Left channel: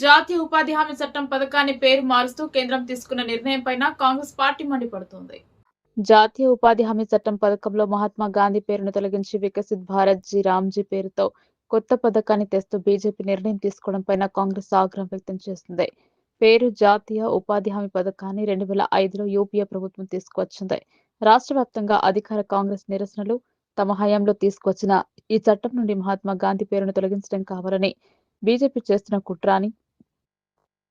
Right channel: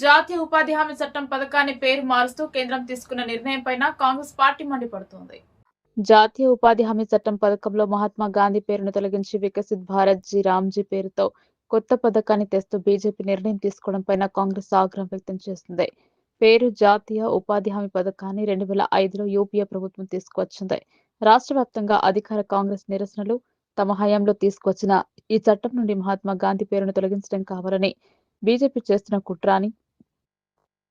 జాతీయ ఉపాధి హామీ చట్టం పథకాన్ని పేరు మారుస్తూ కేంద్రం తీసుకున్న నిర్ణయం పైన కాంగ్రెస్ పార్టీ మండిపడుతోంది. జాతీయ ఉపాధి హామీ చట్టం పథకంలో మహాత్మా గాంధీ పేరును తొలగించి వికసిత్ భారత్ జీ రామ్జీ పేరుతో కొత్త పథకాన్ని తెస్తూ బీజేపీ నిర్ణయం తీసుకోవడం పైన కాంగ్రెస్ ఆగ్రహం వ్యక్తం చేస్తుంది. పేరు జాతీయ ఉపాధి హామీ పథకాన్ని రెండు వేల ఐదులో యూపీఏ ప్రభుత్వం తీసుకువచ్చింది. రాష్ట్ర వ్యాప్తంగా అధికార కాంగ్రెస్ నిరసనలు తమ హయాంలో తీసుకొచ్చిన ఈ చట్టం నుండి మహాత్మా గాంధీ పేరును తొలగించడం కావాలని బీజేపీ చేస్తున్న కుట్రాని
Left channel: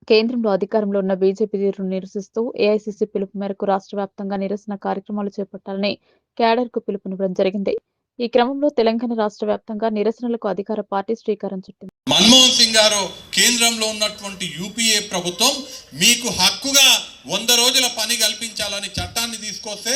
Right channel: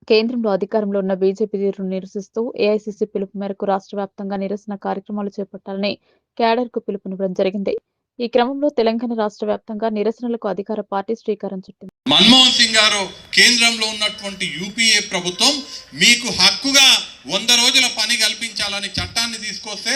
కేంద్రంలో అధికారంలో ఉన్న బీజేపీ తీరును నిరసిస్తూ ఏఐసీసీ పిలుపు మేరకు రాష్ట్ర వ్యాప్తంగా నిరసన కార్యక్రమాలు చేపట్టాలని క్యాడర్కు పిలుపునివ్వడం జరిగింది. ఈ క్రమంలో తెలంగాణ రాష్ట్ర వ్యాప్తంగా నిరసనలకు అధికార పార్టీ శ్రీకారం చుట్టింది. మన్మోహన్ సింగ్ గారు కేంద్రంలో ఉన్నటువంటి యూపీఏ ప్రభుత్వం మీకు హక్కుగా వంద రోజుల పని కల్పించాలని చట్టాన్ని తీసుకొస్తే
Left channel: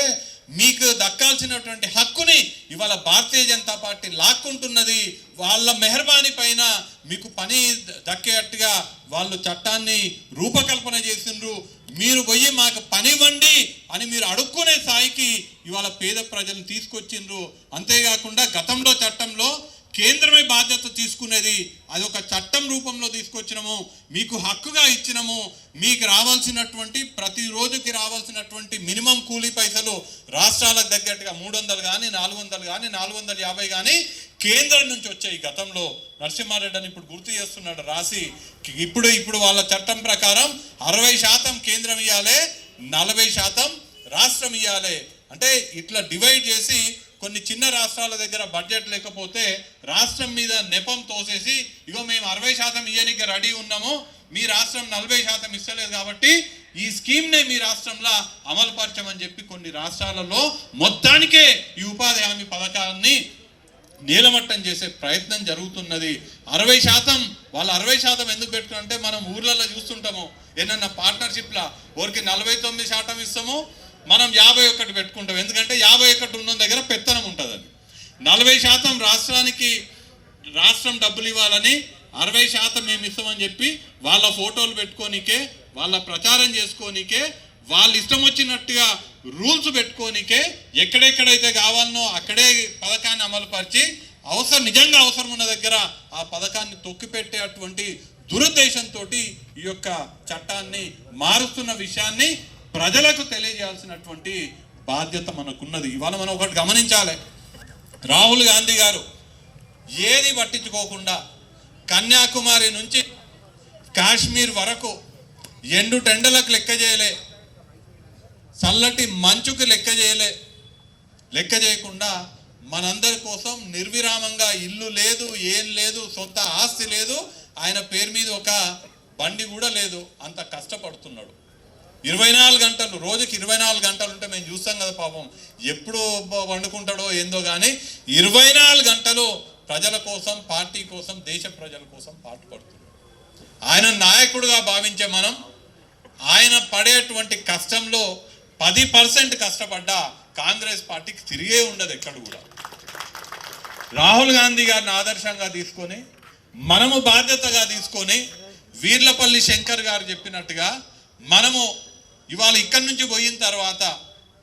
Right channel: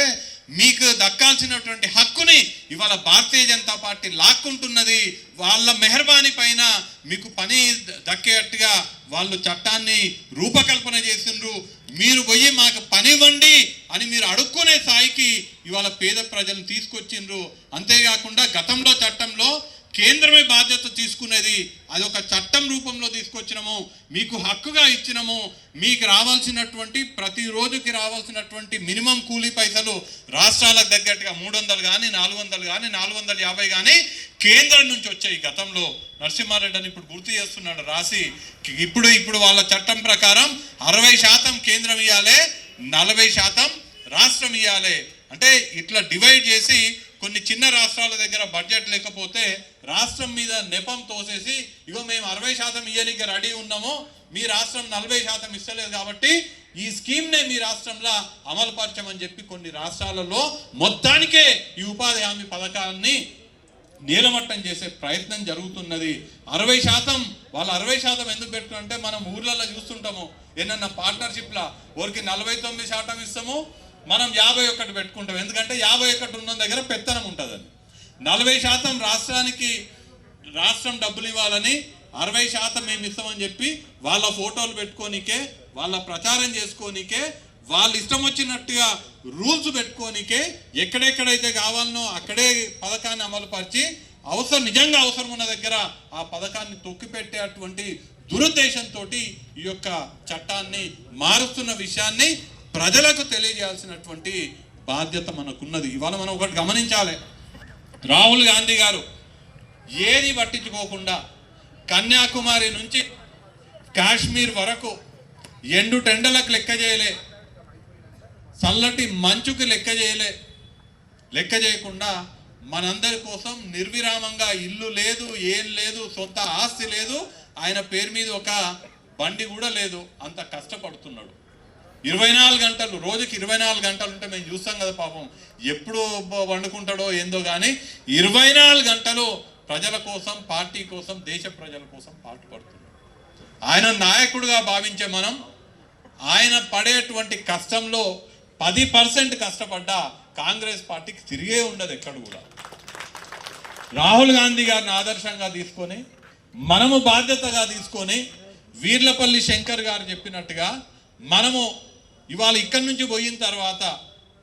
మీకు దక్కాల్సినటువంటి హక్కుని ఇవాళ భారతీయ జనతా పార్టీ లాక్కుంటున్నది. వాళ్ళ మెహర్బానీ పైన మీకు పని దక్కేటట్టుగా వాళ్ళు చట్టాన్ని రూపకల్పన చేసిండ్రు. మీరు పోయి మాకు పని ఇవ్వండి అని మీరు అడుక్కునే స్థాయికి ఇవాళ పేద ప్రజలను తీసుకొచ్చిండ్రు. అంతేకాకుండా గతంలో చట్టంలో కేంద్రమే బాధ్యత తీసుకునేది అది ఒక చట్టం రూపంలో తీసుకొచ్చినము మీకు హక్కుగా ఇచ్చినము మీకు రావాల్సినటువంటి ప్రతి రోజుకి రావాల్సినటువంటి మినిమం కూలీ పైసలు రాష్ట్రాలకు తగ్గట్టుగా మూడు వందలు కానీ నాలుగు వందలు కానీ నాలుగు వందల యాభై కానీ కేంద్రం నుంచి వచ్చాయి. గతంలో నరసింహారెడ్డి అని ఇప్పుడు గుర్తు చేస్తున్నాడు రాసి ఇప్పుడు ఇప్పుడు వాళ్ళ చట్టం ప్రకారం అరవై శాతం కేంద్రం ఇవ్వాలి నలభై శాతం రాష్ట్రం ఇవ్వాలి అంటే ఇట్లా డివైడ్ చేసి కొన్ని చిన్న రాష్ట్రాల దగ్గర బడ్జెట్ లేకపోతే రాష్ట్రం మీద నెపం తోసేసి ఇగో మేము అరవై శాతం ఇయ్యడానికి రెడీ ఉన్నాము మీ రాష్ట్రం నలభై శాతం ఇస్తలేదు కాబట్టి ఈ స్కీమ్నే మీ రాష్ట్రంలో అమలు పరచమని చెప్పి కొన్ని రాష్ట్రాలలో మొత్తానికే ఈ ఉపాధి హామీ పథకాన్ని నీలమట్టం చేసే ప్రయత్నం జరుగుతున్నది. అరవై శాతం వాళ్ళు అరవై శాతం ఎందుకు పెట్టుకుంటే మనం ఊర్లలో చూస్తుంటాము ఏమన్నా పార్ట్నర్షిప్లా ఊరికి నలభై తొమ్మిది శాతం ఇస్తాము మనం యాభై ఒకటి పెట్టుకుంటాం. ఎందుకంటే యాభై ఒకటి ఉన్న దగ్గర పెత్తనం ఉంటుందని నలభై శాతం రాష్ట్రానికి రాష్ట్రం డబ్బులు ఇవ్వాలని అరవై శాతం మేము ఇస్తామని చెప్పి వాళ్ళ ఫోటోలు పెట్టుకోనికే వాళ్ళ ప్రచారం చేసుకోనికే వాళ్ళు ఇష్టం వచ్చినట్టుగా రూల్స్ పెట్టుకోనికే ఎక్కడెక్కడైతే కావాలనో అక్కడే పథకాన్ని అమలుపరిచి అవసరం నిజంగా అవసరం ఉన్న దగ్గర ఆ పథకాన్ని తొక్కిపెట్టేటువంటి దురుద్దేశంతో ఈ యొక్క చట్టాన్ని మారుస్తున్న విషయాన్ని ప్రజలకు తెలియజేయాల్సినటువంటి బాధ్యత మనకున్నది. ఇవాళ మనం ఒకటి గమనించాలి. రాహుల్ గాంధీ గారు ఏది పట్టించుకోకుండా కన్యాకుమారి నుంచి కాశ్మీర్ వరకు ఎండు టెండలకు లెక్క చేయలే. చల్లటి మంచుకు లెక్క చేయలే. లెక్క చేయకుండా మనందరి కోసం నిర్విరామంగా ఇల్లు లేదు ఏం లేదు సొంత ఆస్తి లేదు. ఆయన పేరు మీద ఒక బండి కూడా లేదు. అంత కష్టపడుతున్నాడు. ఇరవై నాలుగు గంటలు రోజుకి ఇరవై నాలుగు గంటలు ఉంటే మేము చూస్తాం కదా పాపం. ఎప్పుడు వండుకుంటాడో ఏందో కానీ ఇరవై నాలుగు గంటలు ప్రజల కోసం పార్టీ కోసం దేశ ప్రజల కోసం పాటుపడుతున్నాడు ఆయన నాయకుడుగా భావించే మనం ఆయన పడేటువంటి కష్టంలో పది పర్సెంట్ కష్టపడ్డా కాంగ్రెస్ పార్టీకి తిరిగే ఉండదు ఎక్కడ కూడా. రాహుల్ గాంధీ గారిని ఆదర్శంగా తీసుకొని మనము బాధ్యతగా తీసుకొని వీర్లపల్లి శంకర్ గారు చెప్పినట్టుగా మనము ఇవాళ ఇక్కడి నుంచి పోయిన తర్వాత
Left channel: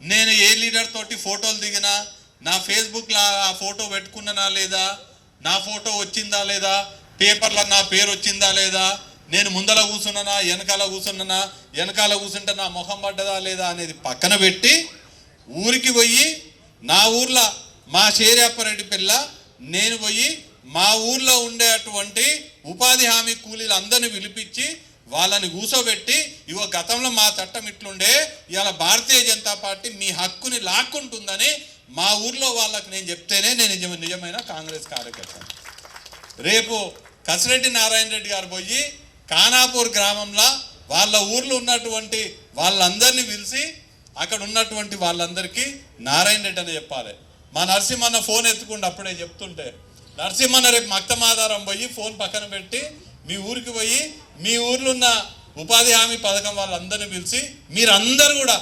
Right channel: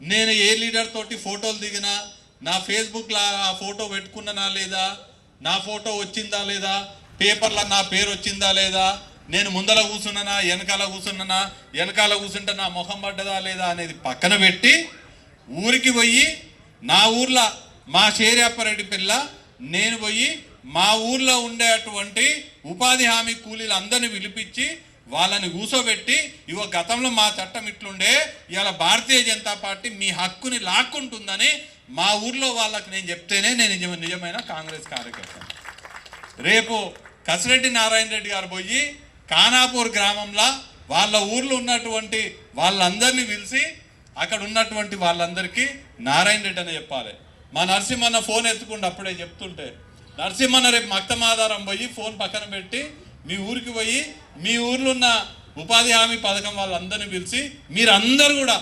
నేను ఏ లీడర్ తోటి ఫోటోలు దిగినా నా ఫేస్బుక్లో ఆ ఫోటో పెట్టుకున్నానా లేదా నా ఫోటో వచ్చిందా లేదా పేపర్లో నా పేరు వచ్చిందా లేదా నేను ముందల కూర్చున్నానా వెనకాల కూర్చున్నానా వెనకాల కూర్చుంటే నా మొహం పడ్డదా లేదా అనేది పక్కన పెట్టి ఊరికి పోయి నా ఊర్లో మా షేరియప్పరెడ్డి పిల్ల నేను పోయి మా ఊర్లో ఉండేటువంటి ఉపాధి హామీ కూలీలు అందరిని పిలిపించి వాళ్ళని కూసోబెట్టి ఇవో గతంలో మా చట్టం ఇట్లుండే ఇవాళ భారతీయ జనతా పార్టీ మీ హక్కుని లాక్కుంటుందని మా ఊర్లో వాళ్ళకి నేను చెప్తేనే నేను నిజం నిజమైన కాంగ్రెస్ కార్యకర్త. రేపు కసిరెడ్డి నారాయణ రెడ్డి గారు పోయి కానాపూర్ గ్రామంలో వాళ్ళ ఊర్లో ఉన్నటువంటి వాళ్ళందరినీ పిలిచి అక్కడ ఉన్నటువంటి వాళ్ళందరికీ నారాయణ రెడ్డి అని చెప్పాలి. మా నరసింహన్న ఫోన్ ఎత్తుకుంటే అప్పుడే చెప్తుంటే నరసింహన్న రేపు మక్తమాధారం పోయి ఫోన్ పక్కన పెట్టి మీ ఊరికి పోయి మీ ఊర్లో ఉన్న ఉపాధి హామీ పథకం వాళ్ళందరినీ పిలిచి మీరందరూ కూడా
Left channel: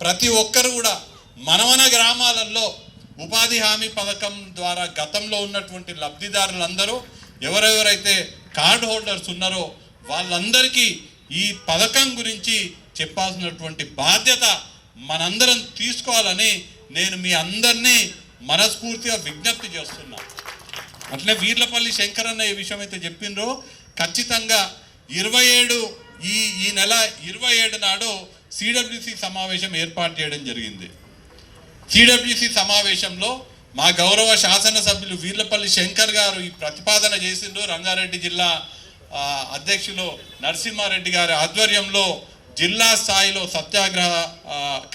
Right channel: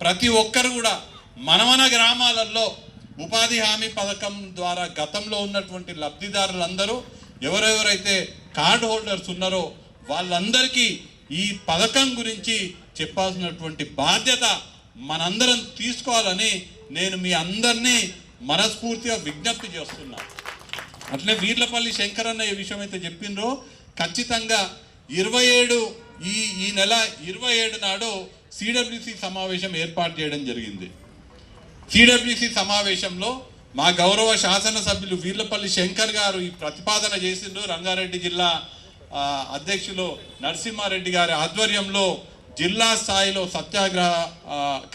ప్రతి ఒక్కరు కూడా మన మన గ్రామాలలో ఉపాధి హామీ పథకం ద్వారా గతంలో ఉన్నటువంటి లబ్ధిదారులందరూ ఎవరెవరైతే కార్డ్ హోల్డర్స్ ఉన్నారో వాళ్ళందరికీ ఈ పథకం గురించి చెప్పాల్సినటువంటి బాధ్యత మనందరం తీసుకోవాలని నేను మీ అందరినీ మనస్ఫూర్తిగా విజ్ఞప్తి చేస్తున్నా. అట్లే వీర్లపల్లి శంకరన్న ఈ విషయం అయితే చెప్పిండ్రో ఖచ్చితంగా ఇరవై ఏడు ఈ ఈ నెల ఇరవై ఏడు నాడు సిడబ్ల్యూసి సమావేశం ఏర్పాటు చేయడం జరిగింది. సిడబ్ల్యూసి సమావేశంలో మా గౌరవ శాసనసభ్యులు వీర్లపల్లి శంకర్ గారు ఈ ప్రతిపాదన చేసిండ్రు. రంగారెడ్డి జిల్లా అధ్యక్షులు నరసింహారెడ్డి గారి ఆధ్వర్యంలో జిల్లా స్థాయిలో సత్యాగ్రహ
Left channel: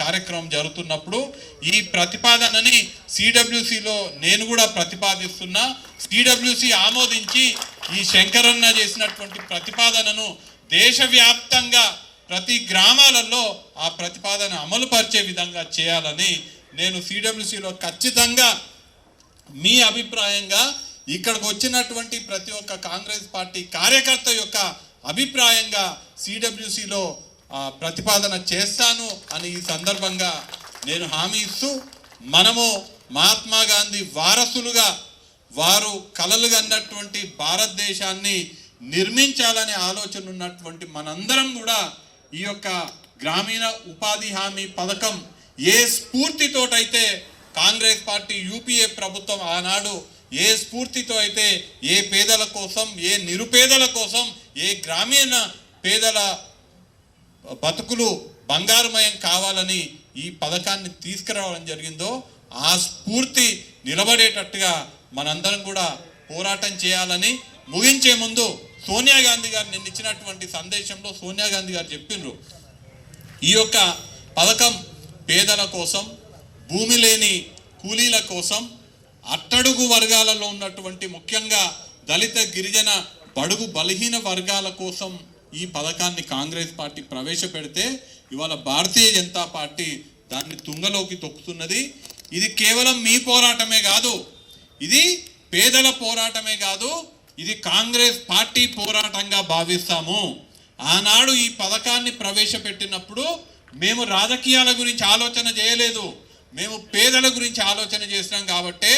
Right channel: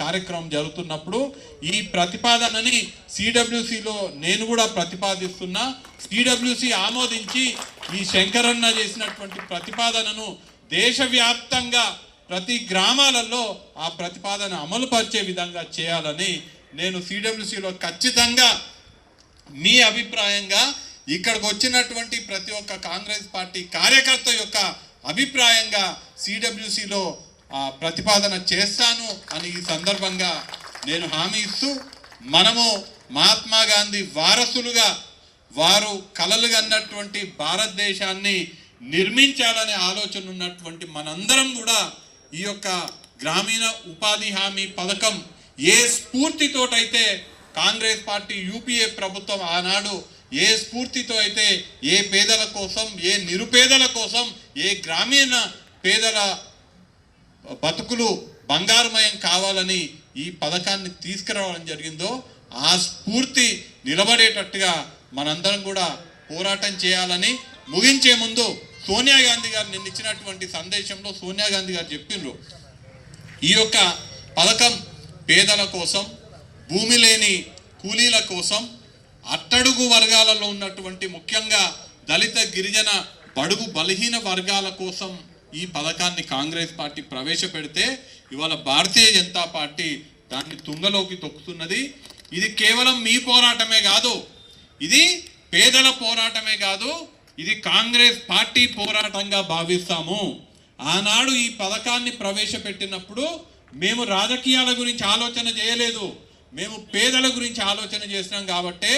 కార్యక్రమం జరుగుతున్నప్పుడు ఈ ప్రతిపాదనని సిడబ్ల్యూసిలో నేను కూడా ప్రతిపాదిస్తున్నా. సిడబ్ల్యూసి ఆమోదించి ఈ శంకరన్న చేసినటువంటి ప్రతిపాదనను దేశవ్యాప్తంగా ప్రతి గ్రామాలలో ఆ ప్రతిపాదన అమలు పరిచే విధంగా చేయాలని నేను సిడబ్ల్యూసిలో ఖచ్చితంగా మీ అభిప్రాయంగా ఇక్కడికి వచ్చినటువంటి ప్రతి ఒక్క కాంగ్రెస్ పార్టీ కార్యకర్త యొక్క అభిప్రాయంగా సిడబ్ల్యూసిలో ప్రతిపాదన చేస్తాను అని ఈ సందర్భంగా నేను హామీ ఇస్తూ మనము మహాత్మా గాంధీ వారసులుగా వారు కలలు కన్నటువంటి భారతదేశాన్ని నిర్మించాలనే ఆలోచన ఉన్నటువంటి మనందరం కూడా ఈ యొక్క గ్రామీణ ఉపాధి హామీ పథకం ఏ స్ఫూర్తితోటైతే కాంగ్రెస్ పార్టీ యూపీఏ ప్రభుత్వం ఆనాడు ఏ స్ఫూర్తితో అయితే ఏ పేదల కోసం ఏ నిరుపేదల కోసం ఏ గ్రామీణ పేదల బతుకులు బంగారుమయం కావాలని ఈ పథకాన్ని తీసుకురావడం జరిగిందో ఆ స్ఫూర్తి నిలబడేటట్టుగా మనందరం కూడా పోరాటం చేయాలని ముగించే ముందు సోనియా గాంధీ గారు నిన్న ఇచ్చినటువంటి సందేశంలో సోనియా గాంధీ గారు చెప్పిండ్రు ఈ యొక్క పథకం పేదల కోసం భూమి లేని కూలీల కోసం అట్టడుగు వర్గాలలో ఉన్నటువంటి ముఖ్యంగా దళిత గిరిజన బడుగు బలహీన వర్గాల కోసం ఈ పథకాన్ని కాంగ్రెస్ పార్టీ ప్రవేశపెడితే ఇవాళ భారతీయ జనతా పార్టీ దాన్ని తుంగలోకి తొక్కుతున్నది. ఇది కేవలం మీ పోరాటమే కాదు ఇది పేదల పోరాటమే కాదు ఇది కాంగ్రెస్ పార్టీ పోరాటంగా భావిస్తాము. ఆనాడు ఈ పథకాన్ని ప్రవేశపెట్టినప్పుడు మేము రాజకీయాల గురించి ఆలోచన చేయలేదు. మేము పేదల గురించి ఆలోచన చేసినాం కాబట్టే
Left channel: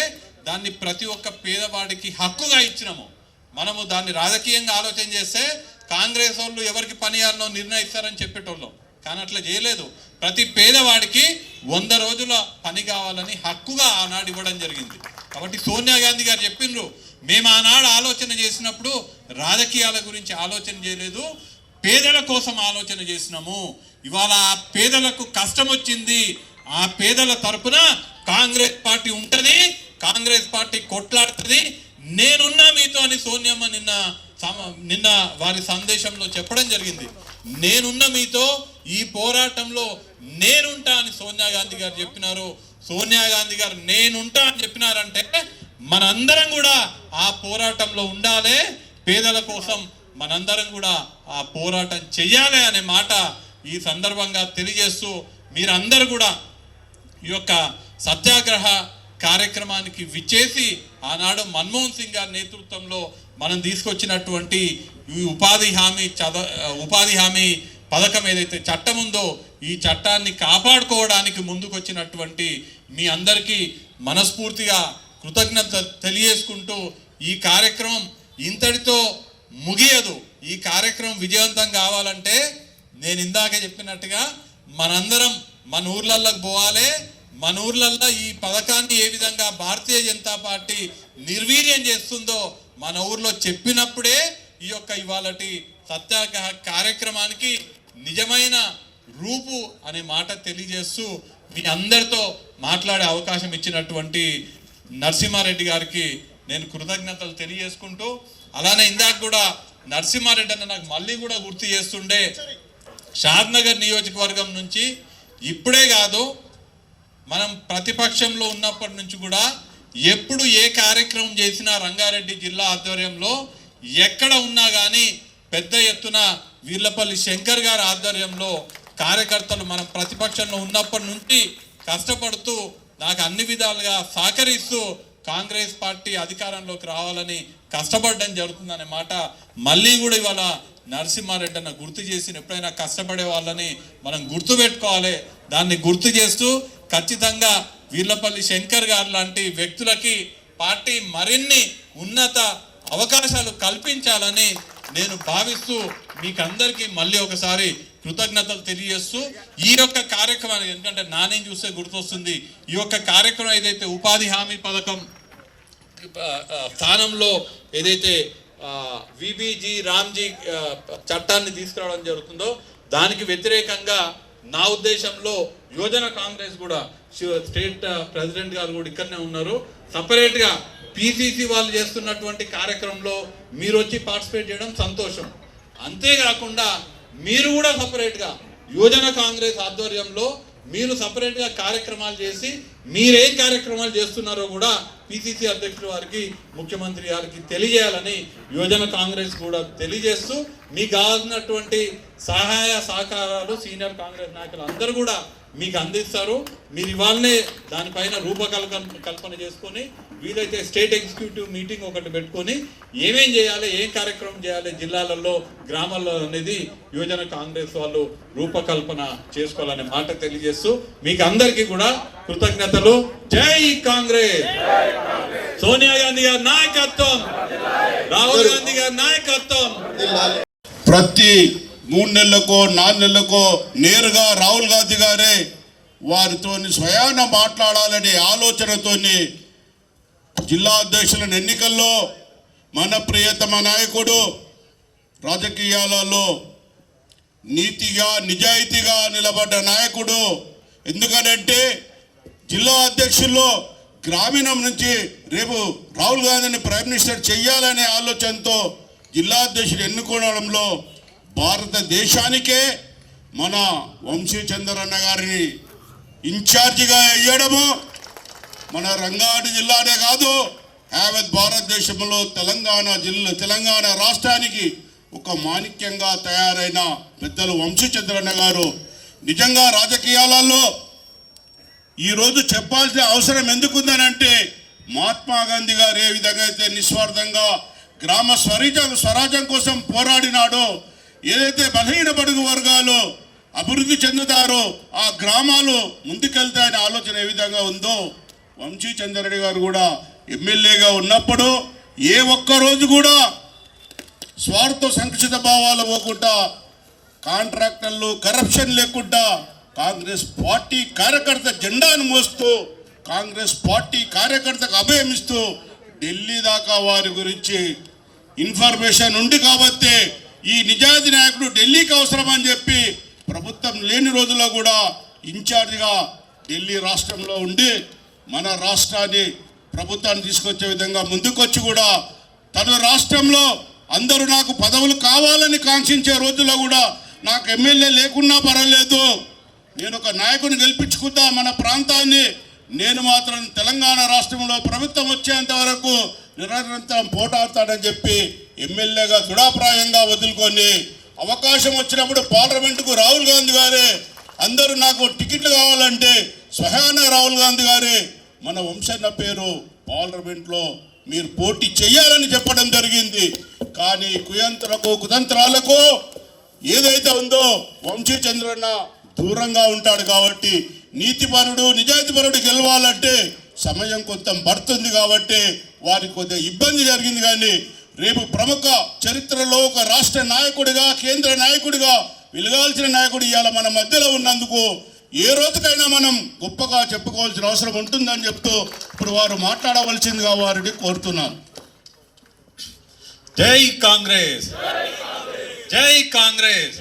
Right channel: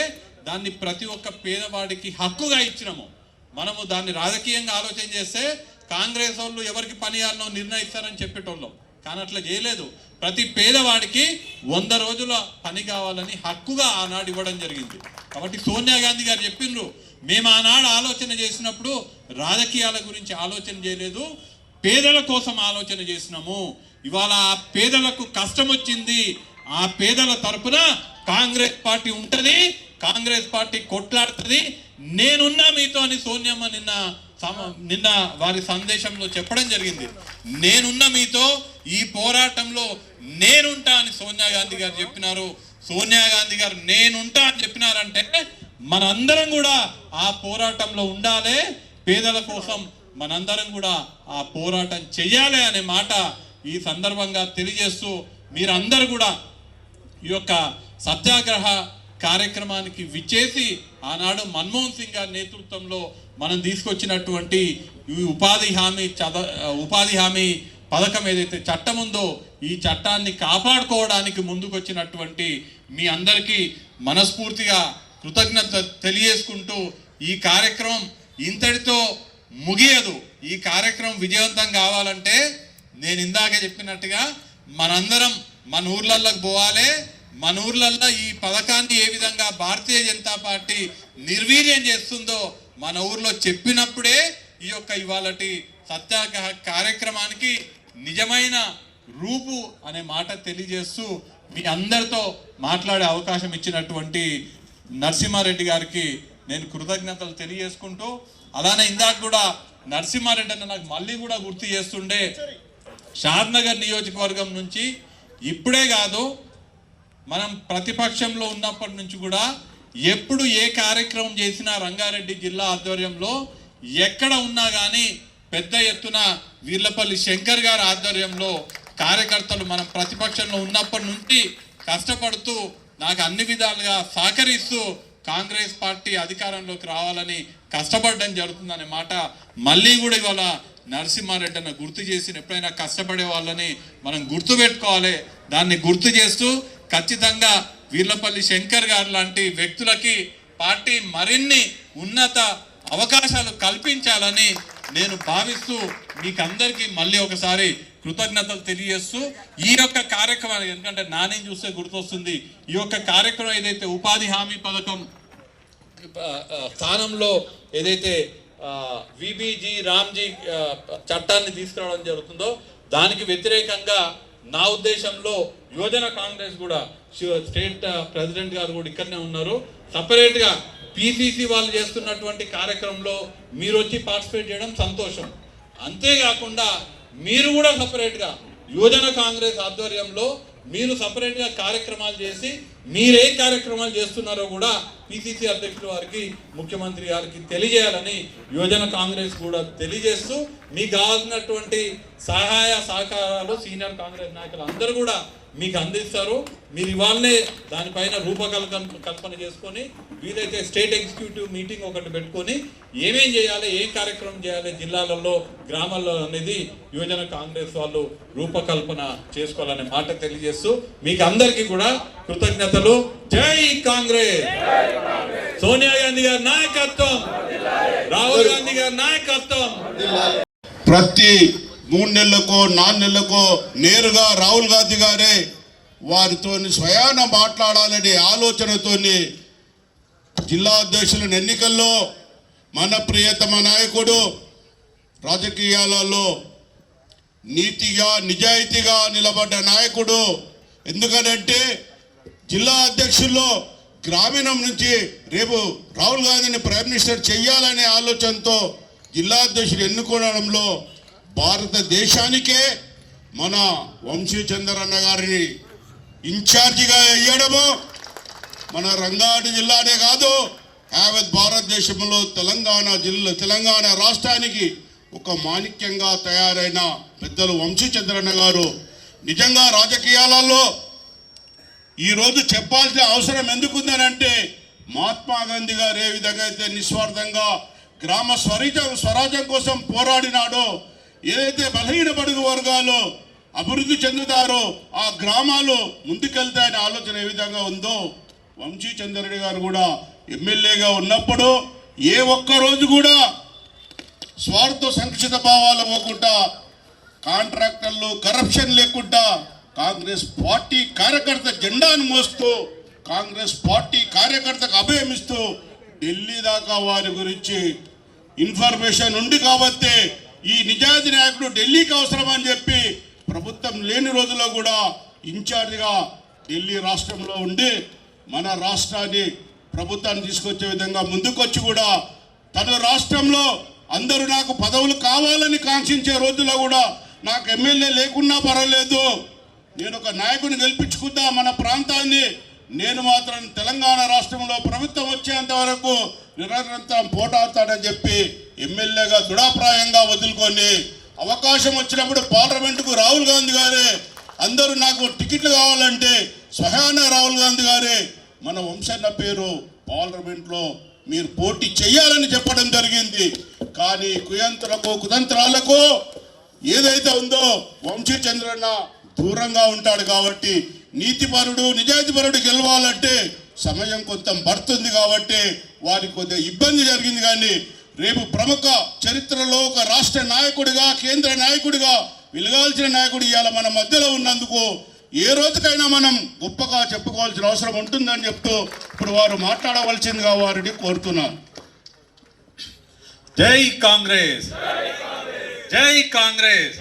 దాన్ని ప్రతి ఒక్క పేదవాడికి హక్కుగా ఇచ్చినాము. మనము దాన్ని రాజకీయంగా ఆలోచన చేస్తే కాంగ్రెస్ వాళ్ళు ఎవరికి పని చేయాలనో నిర్ణయిస్తారని చెప్పేటోళ్ళం. కానీ అట్లా చేయలేదు. ప్రతి పేదవాడికి వంద రోజుల పని కావాలని హక్కుగా ఆనాడు ఇవ్వడం జరిగింది. కాబట్టి సోనియా గాంధీ గారు చెప్పిండ్రు మేము ఆనాడు ఆలోచన చేసినప్పుడు రాజకీయాల గురించి ఆలోచన చేయలేదు పేదల కోసం ఆలోచన చేసినాము. ఇవాళ ఆ పేదలకు కష్టం వచ్చింది ఆ పేదల తరపున కాంగ్రెస్ పార్టీ ఉంటుంది కాంగ్రెస్ పార్టీ కొట్లాడుతుంది. నేనున్నా మీతో అని సోనియమ్మ నిన్న సమ- నిన్న వారి సందేశంలో చెప్పడం జరిగింది. నేనున్న మీతో ఈ పోరాటంలో నేనుంటా అని సోనియా గాంధీ గారు చెప్పినారు. సోనియా గాంధీ గారు నేనుంటా అని చెప్పినారంటే మనందరం కూడా ఆ పోరాటంలో ఉండాలి. పేదల కోసం మనందరం కూడా ఆ పోరాటం చెయ్యాలి అనే మాట ఈ సందర్భంగా తెలియజేస్తూ మీరందరూ కూడా ఈ యొక్క సత్యాగ్రహ కార్యక్రమానికి విచ్చేసి ఆనాడు మన్మోహన్ సింగ్ గారి నేతృత్వంలో మనం తీసుకొచ్చినటువంటి ఈ ఉపాధి హామీ చద ఉపాధి హామీ పథకం ఏదైతే చట్టం ఉందో ఈ చట్టాన్ని కాపాడుకోవడానికి ముందుకొచ్చినటువంటి మీ అందరికీ మనస్ఫూర్తిగా కృతజ్ఞత తెలియజేసుకుంటూ ఈ కార్యక్రమం ఇంతటితో ముగియదు. ఈ కార్యక్రమం విజయవంతం కావాలంటే నేను ఇందాక చెప్పినట్టుగా మనందరం మన ఊర్లలోకి పోవాలి. మన ఊర్లల్లో ఈ పథకాన్ని ఏ విధంగా భారతీయ జనతా పార్టీ నిర్వీర్యం చేస్తుందో మన ఊర్లో చెప్పినప్పుడే ఈ యొక్క ఇవాళటి సత్యాగ్రహ కార్యక్రమానికి నిజమైన రూపు అనే మాట తెలియజేస్తూ మీ అందరితో మాట్లాడే అవకాశం ఇచ్చినటువంటి నరసింహారెడ్డి గారికి నేను కృతజ్ఞతలు తెలియజేసుకుంటూ అలానే ఇందాక కూడా నరసింహారెడ్డి అన్న నాకు మళ్ళీ కూడా గుర్తు చేస్తుండే షాద్నగర్ నియోజకవర్గం నుంచి ఇప్పుడే కాదు మనం ప్రతిపక్షంలో ఉన్నప్పటి నుంచి కూడా ఎప్పుడు ఏ కార్యక్రమం చేసినా రంగారెడ్డి జిల్లా ఆధ్వర్యంలో ఎక్కడ ఉన్నా కానీ పెద్ద ఎత్తున వీర్లపల్లి శంకర్ గారి ఆధ్వర్యంలో కార్యకర్తలు మనం ప్రతిపక్షంలో ఉన్నప్పటి నుంచి కష్టపడుతూ నాకు అన్ని విధాలుగా సహకరిస్తూ కాంగ్రెస్ పార్టీ అధికారంలోకి రావాలని కష్టపడడం జరుగుతుందనే మాట మళ్ళీ కూడా ఇవాళ నరసింహారెడ్డి అన్న గుర్తు చేసి ఎప్పుడైనా కష్టపడే వాళ్ళని మనం గుర్తు పెట్టుకోవాలి. దాన్ని గుర్తు చేస్తూ ఖచ్చితంగా వీర్లపల్లి శంకర్ గారు లాంటి వ్యక్తులకి పార్టీ మరిన్ని ఉన్నత అవకాశాలు కల్పించాలని నేను భావిస్తూ మీకందరికీ మళ్ళీ ఒకసారి కృతజ్ఞతలు తెలియజేస్తూ ఈ యొక్క కార్యక్రమానికి ఎందుకంటే నానేం చూస్తే గుర్తొస్తుంది ఈ యొక్క కార్యక్రమం ఏదైతే ఉపాధి హామీ పథకం స్థానంలో ఏదైతే విబిజీ రామ్జీ చట్టాన్ని తీసుకురావడం జరుగుతుందో దానికి వ్యతిరేకంగా నా ఉద్దేశంలో యువజన కాంగ్రెస్ కూడా స్టేట్ ప్రెసిడెంట్ గారు కూడా ఇక్కడనే ఉన్నారు. సపరేట్గా పీసీసీ వాళ్ళు చేస్తున్నటువంటి కార్యక్రమంలో మీరు వచ్చి పార్టిసిపేట్ చేయడం సంతోషం. అంతేకాకుండా మీరు కూడా సపరేట్గా యువజన కాంగ్రెస్ ఆధ్వర్యంలో మీరు సపరేట్గా కార్యక్రమాలు చేసి మీరేం కార్యక్రమాలు చేస్తున్నారో కూడా పిసిసి అధ్యక్షుడు వారికి ముఖ్యమంత్రి గారికి తెలియజేయాలని యువజన కాంగ్రెస్ కూడా తెలియజేస్తూ మీకు కావాల్సినటువంటి సహాయ సహకారాలు సీనియర్ కాంగ్రెస్ నాయకులు అందరూ కూడా మీకు అందిస్తారు. మీరు ఇవాళనే దానిపైన రూపకల్పన కల్పన చేసుకొని వీలైతే స్టేట్ ఎగ్జిక్యూటివ్ మీటింగ్ ఒకటి పెట్టుకొని ఏమేం చేయాలి ఏం కార్యక్రమం చేయాలి జిల్లాలలో గ్రామాల్లో అనేది యువజన కాంగ్రెస్ వాళ్ళు రూపకల్పన చేసుకోవాలనే మాట తెలియజేస్తూ మీకు అందరికీ కూడా కృతజ్ఞతలు. జై కాంగ్రెస్! సోనియా గాంధీ గారి నాయకత్వం! రాహుల్ గాంధీ గారి నాయకత్వం! ప్రతి మూడు నెలలకో నాలుగు నెలలకో నేరుగా రాహుల్ గాంధీ గారే వారితో స్వయాన మాట్లాడాలనే ఆలోచనతోని జిల్లా అధ్యక్షులను ఎన్నికల్లో మన ప్రియతమ నాయకుడు రాజకీయాలలో నీతిగా నిజాయితీగా నిలబడ్డ నాయకుడు. ఎందుకనంటే జిల్లా అధ్యక్షుల్లో గ్రామీణం నుంచి రేపు రాహుల్ గాంధీని ప్రైమ్ మినిస్టర్ చేయాలనే ఆలోచనతో జిల్లా అధ్యక్షుడు ఎన్నుకోవడంలో భారతదేశానికే మన వంశీ చంద్రన్న గారిని ఇన్ఛార్జిగా వేయడము మన రంగారెడ్డి జిల్లానే కాదు యావత్ భారతదేశంలో తెలంగాణ జిల్లా తెలంగాణ రాష్ట్రానికి ఒక మాణిక్యంగా తయారైన పెద్దలు వంశీచంద్రన్న గారు. నిజంగా రాజకీయాలలో ఈ రోజు చెప్పాల్సిన అవసరం ఎందుకుందనంటే మహాత్మా గాంధీ గారు ఏ విధంగా అయితే నిస్వార్థంగా గ్రామ స్వరాజ్యం స్వరాజ్యం కోసం పోరాడినాడో ఏదైతే బలహీన బడుగు వర్గాలు అభివృద్ధి చెందుతారో ఆ గ్రామాలు ముందుకెళ్తాయనే ఆలోచన ఏ విధంగా ఉందో వంశీ చంద్రరెడ్డి గారు కూడా ఎమ్మెల్యేగా ఉన్నప్పుడు ఏ ఒక్క రోజు కూడా స్వార్థ సంక్షిత భావాలు పోకుండా కాంట్రాక్టర్లు కరప్షన్ లేకుండా కాంగ్రెస్ పార్టీ కార్యకర్త జెండాను మోస్తూ కాంగ్రెస్ పార్టీ కార్యకర్తకు అభయమిస్తూ ఢిల్లీ దాకా వారి గురించి ఇన్ఫర్మేషన్ ఉంది కాబట్టి ఈ నిజాయితీ నాయకుడు ఢిల్లీకి అవసరం అని చెప్పి ప్రభుత్వం లేని రోజుల్లో కూడా ఇన్ఛార్జిగా ఢిల్లీ రాష్ట్రంలో ఉండి మన రాష్ట్రాన్ని ప్రభుత్వాన్ని తీసుకొచ్చే విధంగా ముందుకొచ్చి కూడా తన రాష్ట్రంలో అందరూ నాకు పదవులు కావాలని కాంక్షించే రోజుల్లో కూడా నాకు ఎమ్మెల్యే లేకున్నా పర్వాలేదు. నేను ఒక నాయకుని గెలిపించుకుందా మన ప్రాంతాన్ని నేను మాత్రం తెలంగాణ రాష్ట్రంలో ప్రభుత్వం వచ్చేంత వరకు నిరంతరం పోటాడతాడని చెప్పి ఎమ్మెల్యేగా దృఢాప్రాయంగా వదులుకొని అవకాశం వచ్చినప్పుడు పార్లమెంటుకు రాహుల్ గాంధీ గారే అందరూ నాకు టికెట్లు కావాలంటే స్వయాన రాహుల్ గాంధీ గారే మన వంశన్న పేరు పార్లమెంట్లో మీరు పోటీ చేయాలని చెప్పడం జరిగింది. కానీ కుయంత్రకు కుతంత్రాలకు ఏదైతే ఉందో వంశీచంద్రన్న దూరంగా ఉంటాడు కాబట్టి నీతిపరుడు నిజాయితీపరుడు గెలవాలంటే సమయం కొంత పడుతుంది కాబట్టి వారికి కొద్దిగా ఇబ్బంది జరిగింది కానీ రేపు ప్రముఖ చరిత్రలో ఒక రాష్ట్ర నాయకుడిగా కేంద్ర నాయకుడిగా వెలగాల్సిన నాయకుడు ఇవాళ మన మధ్యలో ఉన్నందుకు ఏ రోజుకైనా మనం గొప్పగా చెప్పుకోవాల్సిన అవసరం ఉంటుందని చెప్తూ ఇప్పుడు వారు మాట్లాడవలసిందిగా వారిని కోరుతున్నాను. జై కాంగ్రెస్! జై కాంగ్రెస్!